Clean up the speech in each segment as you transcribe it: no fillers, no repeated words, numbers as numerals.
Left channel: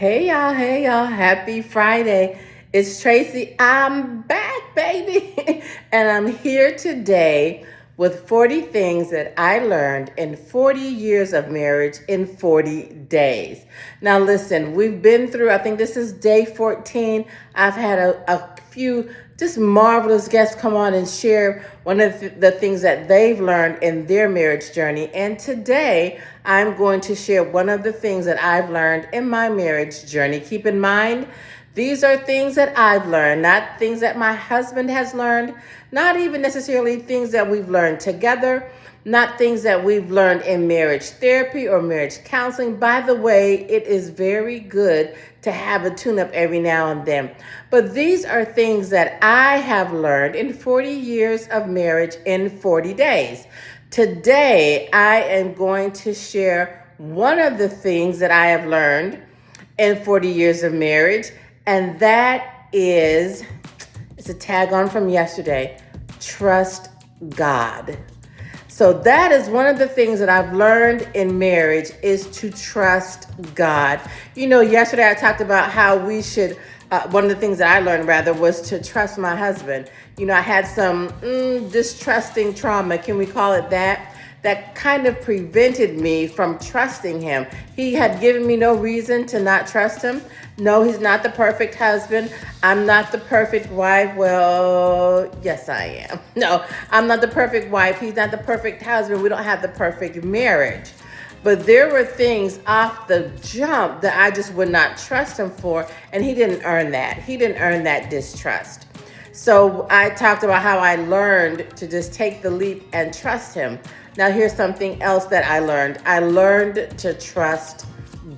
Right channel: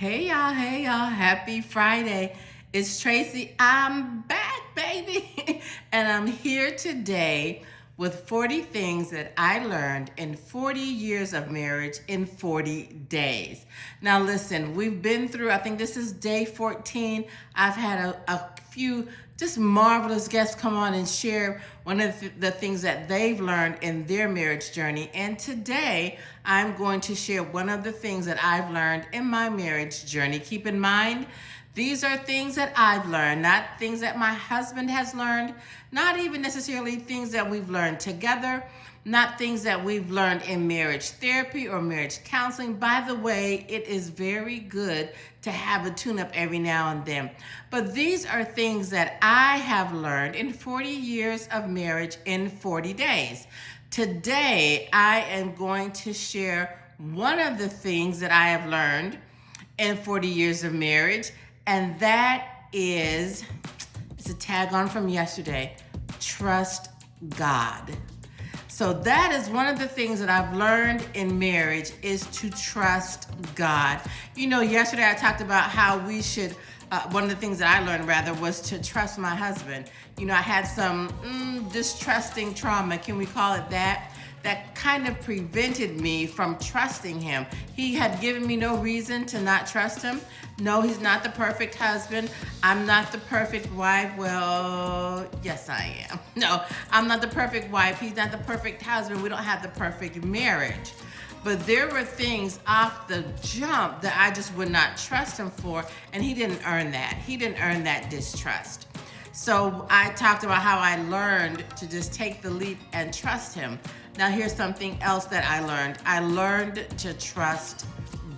Hey y'all, happy Friday. It's Tracy. I'm back, baby. And I'm here today with 40 things that I learned in 40 years of marriage in 40 days. Now, listen, we've been through, I think this is day 14. I've had a few just marvelous guests come on and share one of the things that they've learned in their marriage journey. And today, I'm going to share one of the things that I've learned in my marriage journey. Keep in mind, these are things that I've learned, not things that my husband has learned, not even necessarily things that we've learned together, not things that we've learned in marriage therapy or marriage counseling. By the way, it is very good to have a tune up every now and then. But these are things that I have learned in 40 years of marriage in 40 days. Today, I am going to share one of the things that I have learned in 40 years of marriage, and that is, it's a tag on from yesterday, trust God. So that is one of the things that I've learned in marriage is to trust God. You know, yesterday I talked about how we should, one of the things that I learned rather was to trust my husband. You know, I had some distrusting trauma, can we call it that? That kind of prevented me from trusting him. He had given me no reason to not trust him. No, he's not the perfect husband. I'm not the perfect wife. Well, yes, I am. No, I'm not the perfect wife. He's not the perfect husband. We don't have the perfect marriage. But there were things off the jump that I just would not trust him for, and he didn't earn that. He didn't earn that distrust. So I talked about how I learned to just take the leap and trust him. Now here's something else that I learned. I learned to trust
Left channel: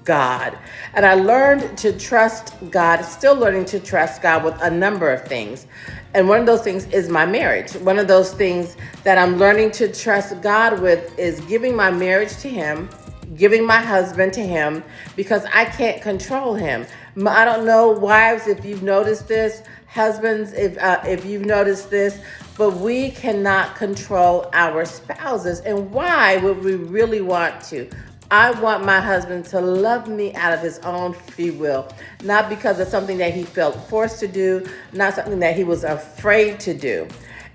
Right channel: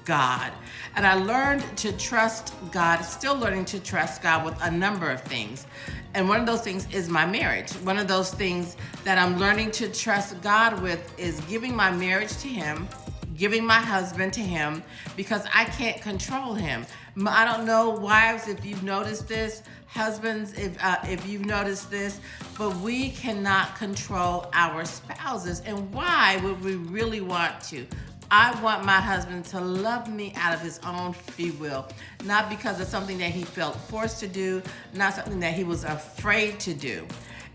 God. And I learned to trust God, still learning to trust God with a number of things. And one of those things is my marriage. One of those things that I'm learning to trust God with is giving my marriage to him, giving my husband to him, because I can't control him. I don't know, wives, if you've noticed this, husbands, if you've noticed this, but we cannot control our spouses. And why would we really want to? I want my husband to love me out of his own free will, not because of something that he felt forced to do, not something that he was afraid to do.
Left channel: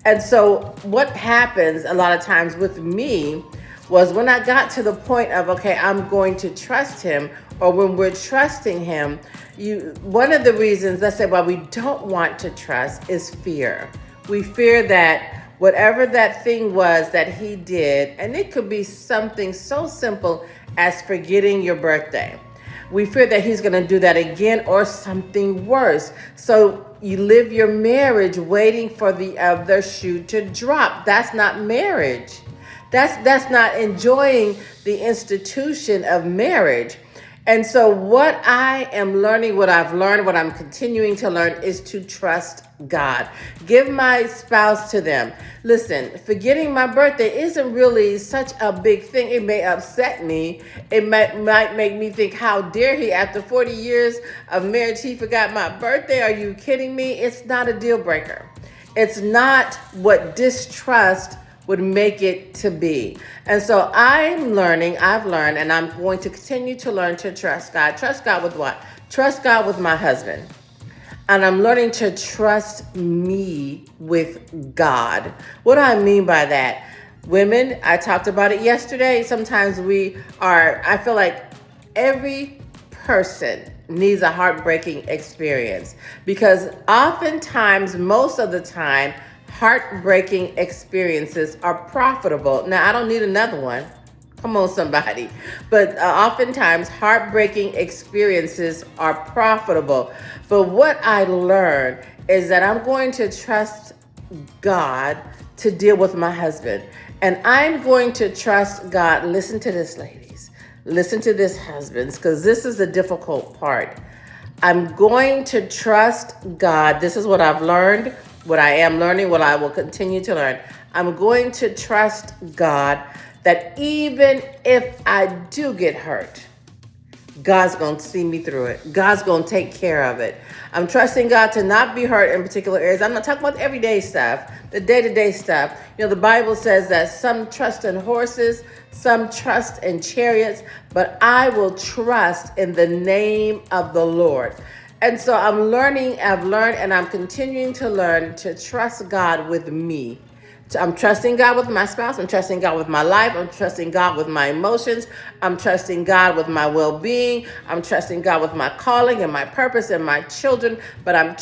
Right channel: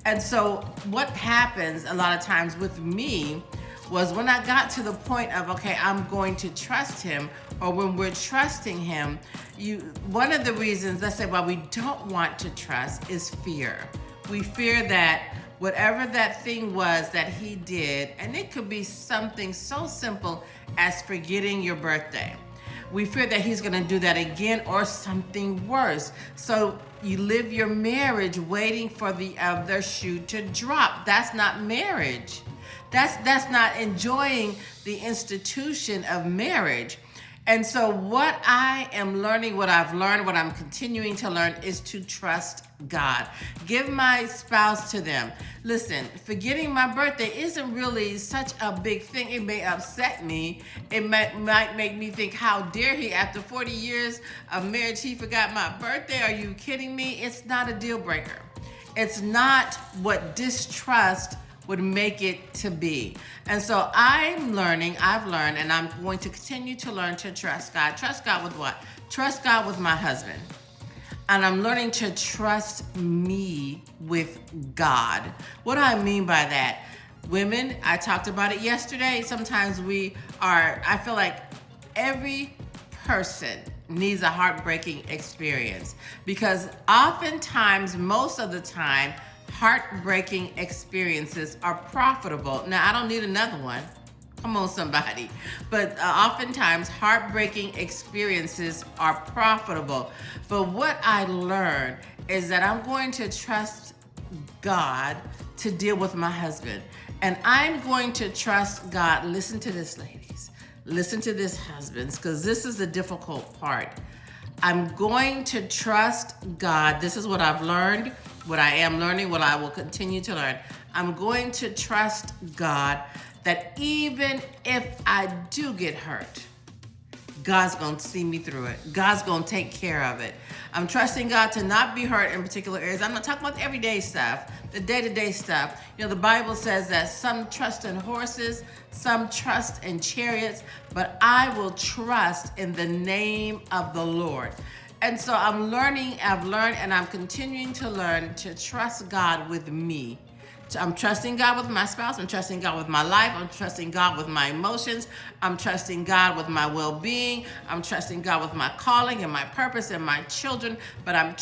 And so what happens a lot of times with me was when I got to the point of, okay, I'm going to trust him, or when we're trusting him, one of the reasons, let's say, why we don't want to trust is fear. We fear that whatever that thing was that he did, and it could be something so simple as forgetting your birthday. We fear that he's going to do that again or something worse. So you live your marriage waiting for the other shoe to drop. That's not marriage. That's not enjoying the institution of marriage. And so what I am learning, what I've learned, what I'm continuing to learn is to trust God. Give my spouse to them. Listen, forgetting my birthday isn't really such a big thing. It may upset me. It might make me think, how dare he, after 40 years of marriage, he forgot my birthday? Are you kidding me? It's not a deal breaker. It's not what distrust would make it to be. And so I've learned, and I'm going to continue to learn to trust God. Trust God with what? Trust God with my husband. And I'm learning to trust me with God. What do I mean by that? Women, I talked about it yesterday. Sometimes I feel like every person needs a heartbreaking experience, because oftentimes, most of the time, heartbreaking experiences are profitable. Now, I don't need another one. Come on, somebody. But oftentimes, heartbreaking experiences are profitable. But what I learned is that I'm going to trust God to deal with my husband. And I'm going to trust God. Listen to this, ladies. Listen to this, husbands, because this is the difficult part. I'm going to trust God. This is what I've learned, what I am learning, what I will continue to learn. I'm going to trust God that even if I do get hurt, God's going to see me through it. God's going to take care of it. I'm trusting God to not be hurt in particular areas. I'm not talking about the everyday stuff, the day-to-day stuff. You know, the Bible says that some trust in horses, some trust in chariots, but I will trust in the name of the Lord. And so I've learned, and I'm continuing to learn to trust God with me. I'm trusting God with my spouse. I'm trusting God with my life. I'm trusting God with my emotions. I'm trusting God with my well-being. I'm trusting God with my calling and my purpose and my children. But I'm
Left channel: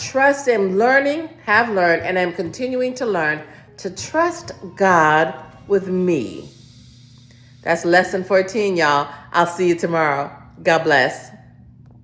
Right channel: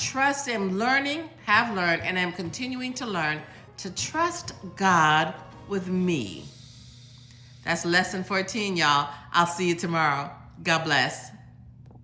have learned, and I'm continuing to learn to trust God with me. That's lesson 14, y'all. I'll see you tomorrow. God bless.